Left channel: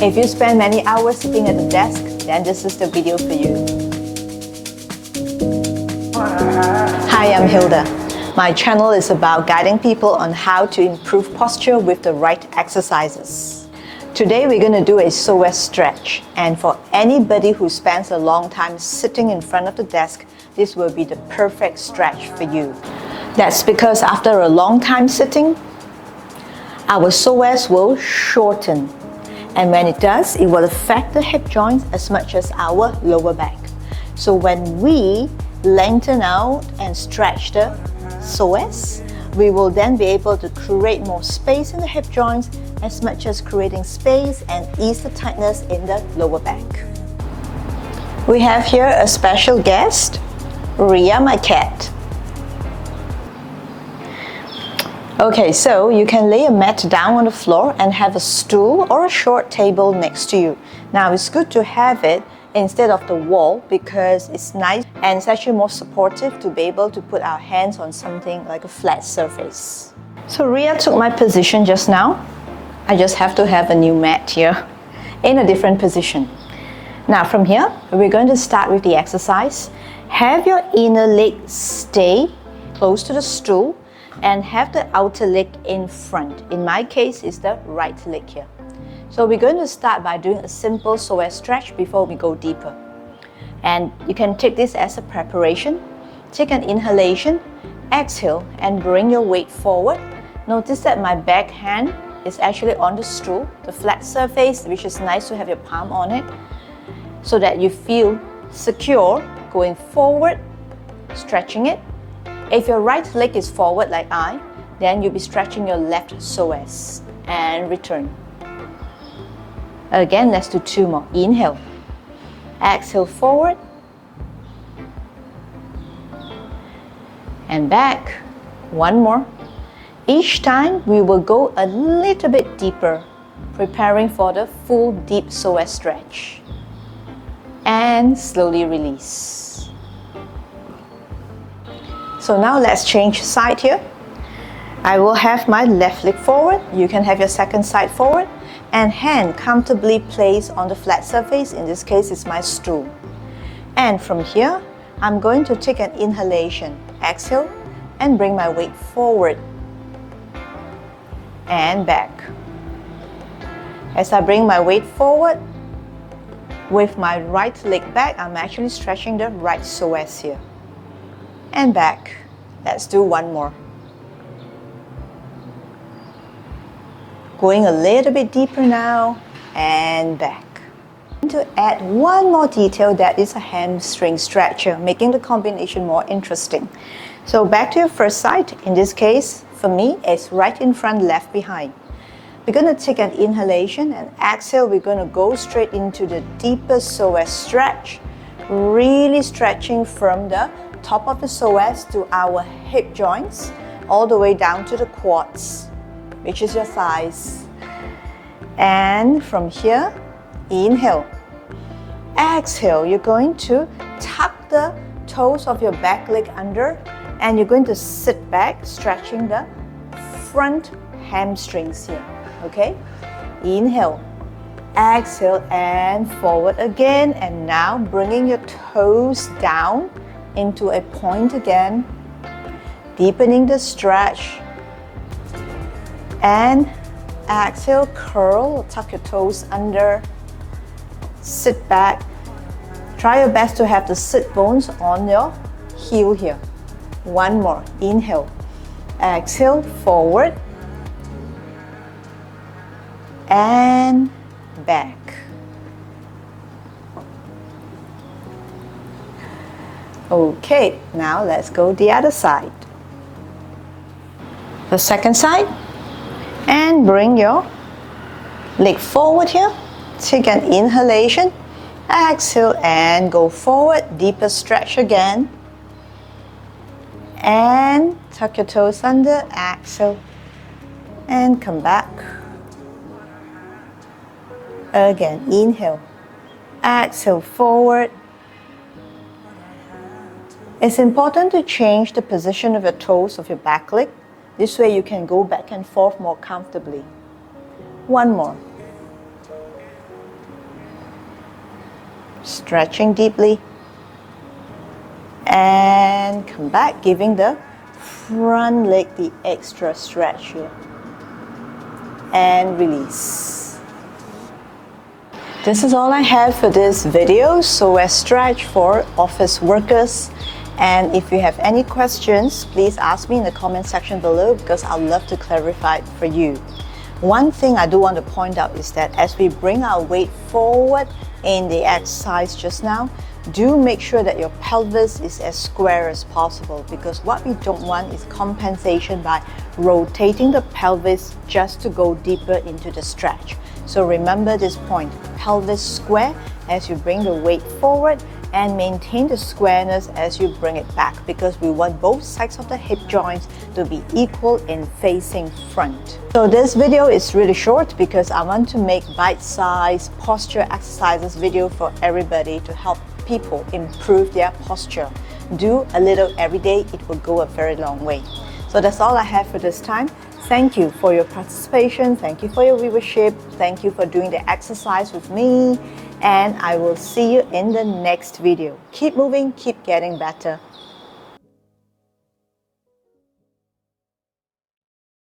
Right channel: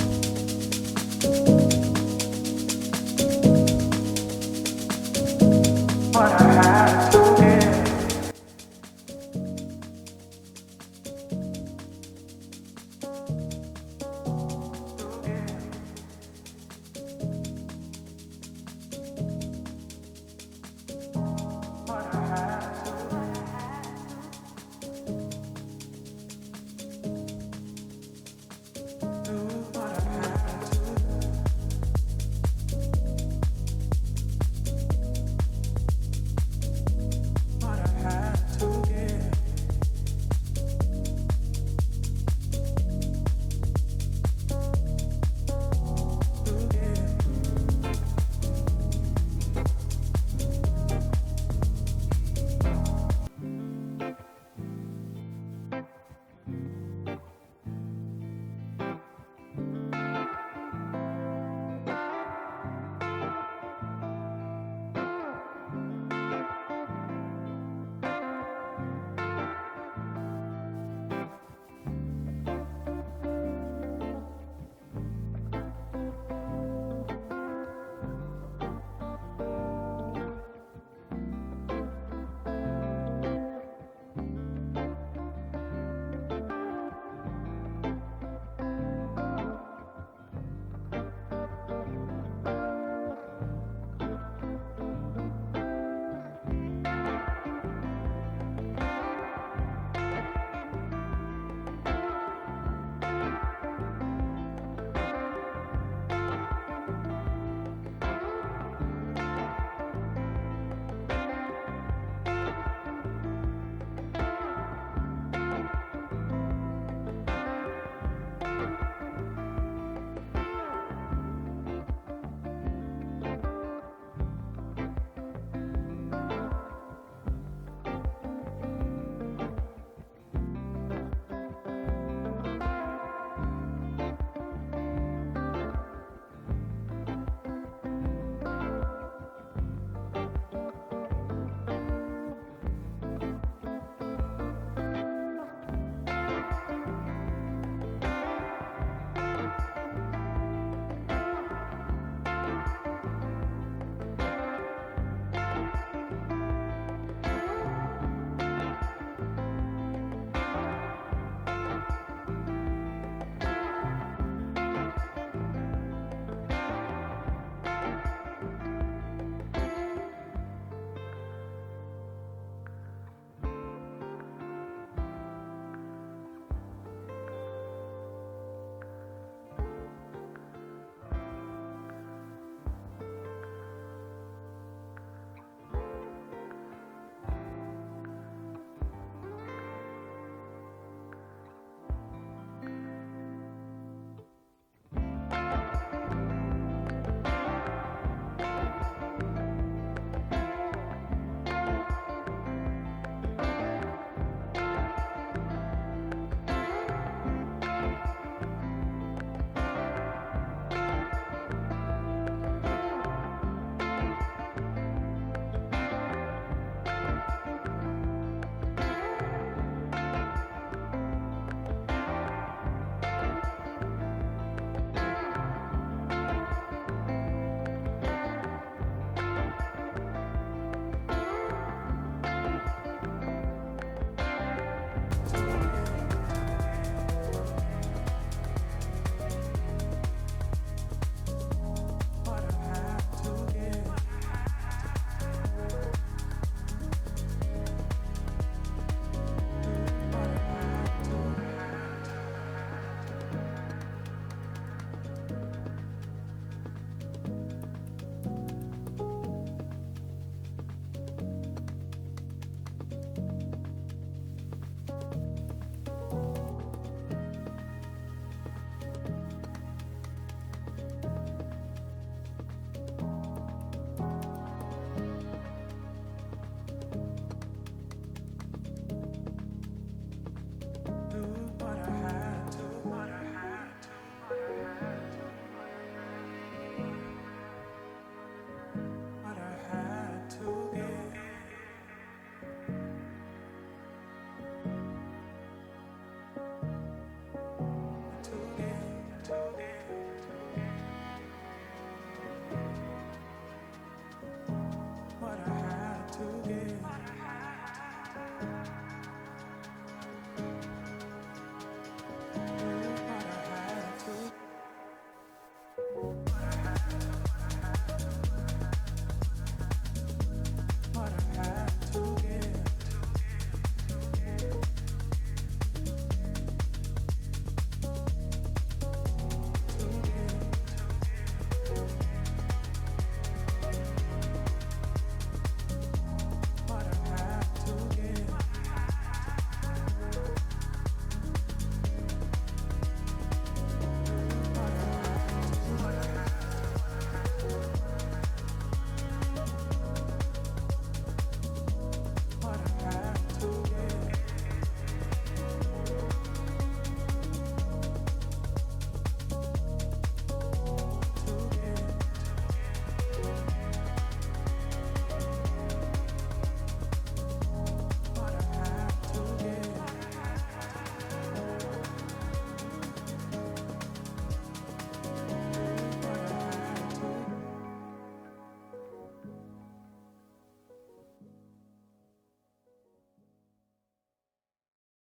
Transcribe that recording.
If you spend many hours sitting at the desk, then this is the video for you. Hi, I'm Hilda. My channel is about guiding people on how to improve posture with the right exercises. Today we're going to do a psoas stretch, and for anybody who spends a long time sitting in front of the desk, this will be the perfect stretch for you. That's because after a long time sitting, our psoas will shorten. And when it does, it will affect the hip joints as much as our lower back. So when we lengthen out and stretch the psoas, we will then be able to create more space in the hip joints as much as creating space and ease the tightness in the lower back. We have here a special guest, Ria, my cat. Okay, so you can lay a mat down on the floor and have a stool or a short table next to you. Now it's good to have it instead of the wall because it's nice and it's actually more supportive to be able to put our hands on something like a flat surface. So Ria took my position just now. I just have to have a new mat here in a different position. Now from here, we're going to start with the exercise. Have your inner leg stay close to the stool and have the outer leg in front. In my case, it's the right leg here. So we're going to start by doing a simple psoas stretch before we go deeper. And you can take this as a preparation. Take an inhalation, exhale, and bring your weight forward. Notice that my back hand is actually on the stool, the flat surface, which is nice to have your palm on it, so that you feel secure going forward, stretching it. If your right leg is forward like I, then you'll be stretching your left psoas and return. Again, let's do two more. Inhale, exhale forward and back. One more. Each time we will go a little bit deeper, preparing for the full deep psoas stretch. And slowly release. So now let's change side here. I will have my left leg forward. You can have your second side forward and hand comfortably placed on the flat surface. In this case, it's my stool. And from here, I'm going to take an inhalation. Exhale and bring my weight forward and back. As I bring my weight forward, with my right leg back, I'm actually stretching the right psoas here. And back. Let's do one more. Going a little bit deeper now and back. To add one more detail, that is a hamstring stretcher, making the combination more interesting. So back to your first side. In this case, for me, it's right in front, left behind. We're going to take an inhalation and exhale. We're going to go straight into the deepest psoas stretch, really stretching from the top of the psoas to our hip joints, all the way down to the quads, which is your thighs. And from here, inhale. Exhale, you're going to tuck the toes of your back leg under, and you're going to sit back, stretching the front hamstrings here. Okay? Inhale. Exhale and forward again, and now bringing your toes down into a point again, deepening the stretch, and exhale, curl, tuck your toes under, sit back. Try your best to have the sit bones on your heel here. One more. Inhale, exhale, forward and back. Okay, now let's go the other side. The second side, and bring your leg forward here. Take an inhalation, exhale and go forward, deeper stretch again. And tuck your toes under, exhale and come back. Again, inhale, exhale forward. It's important to change the position of your toes of your back leg. This way you can go back and forth more comfortably. One more. Stretching deeply. And come back, giving the front leg the extra stretch here. And release. This is all I have for this video, Psoas stretch for office workers. And if you have any questions, please ask me in the comment section below because I'd love to clarify it for you. One thing I do want to point out is that as we bring our weight forward in the exercise just now, do make sure that your pelvis is as square as possible, because what we don't want is compensation by rotating the pelvis just to go deeper into the stretch. So remember this point, pelvis square as you bring the weight forward and maintain the squareness as you bring it back, because we want both sides of the hip joints to be equal in facing front. So this video is really short because I want to make bite-sized posture exercises video for everybody to help people improve their posture. Do a little every day, it will go a very long way. So that's all I have for this time. Thank you for your participation, thank you for your viewership, thank you for doing the exercise with me, and I will see you in the next video. Keep moving, keep getting better.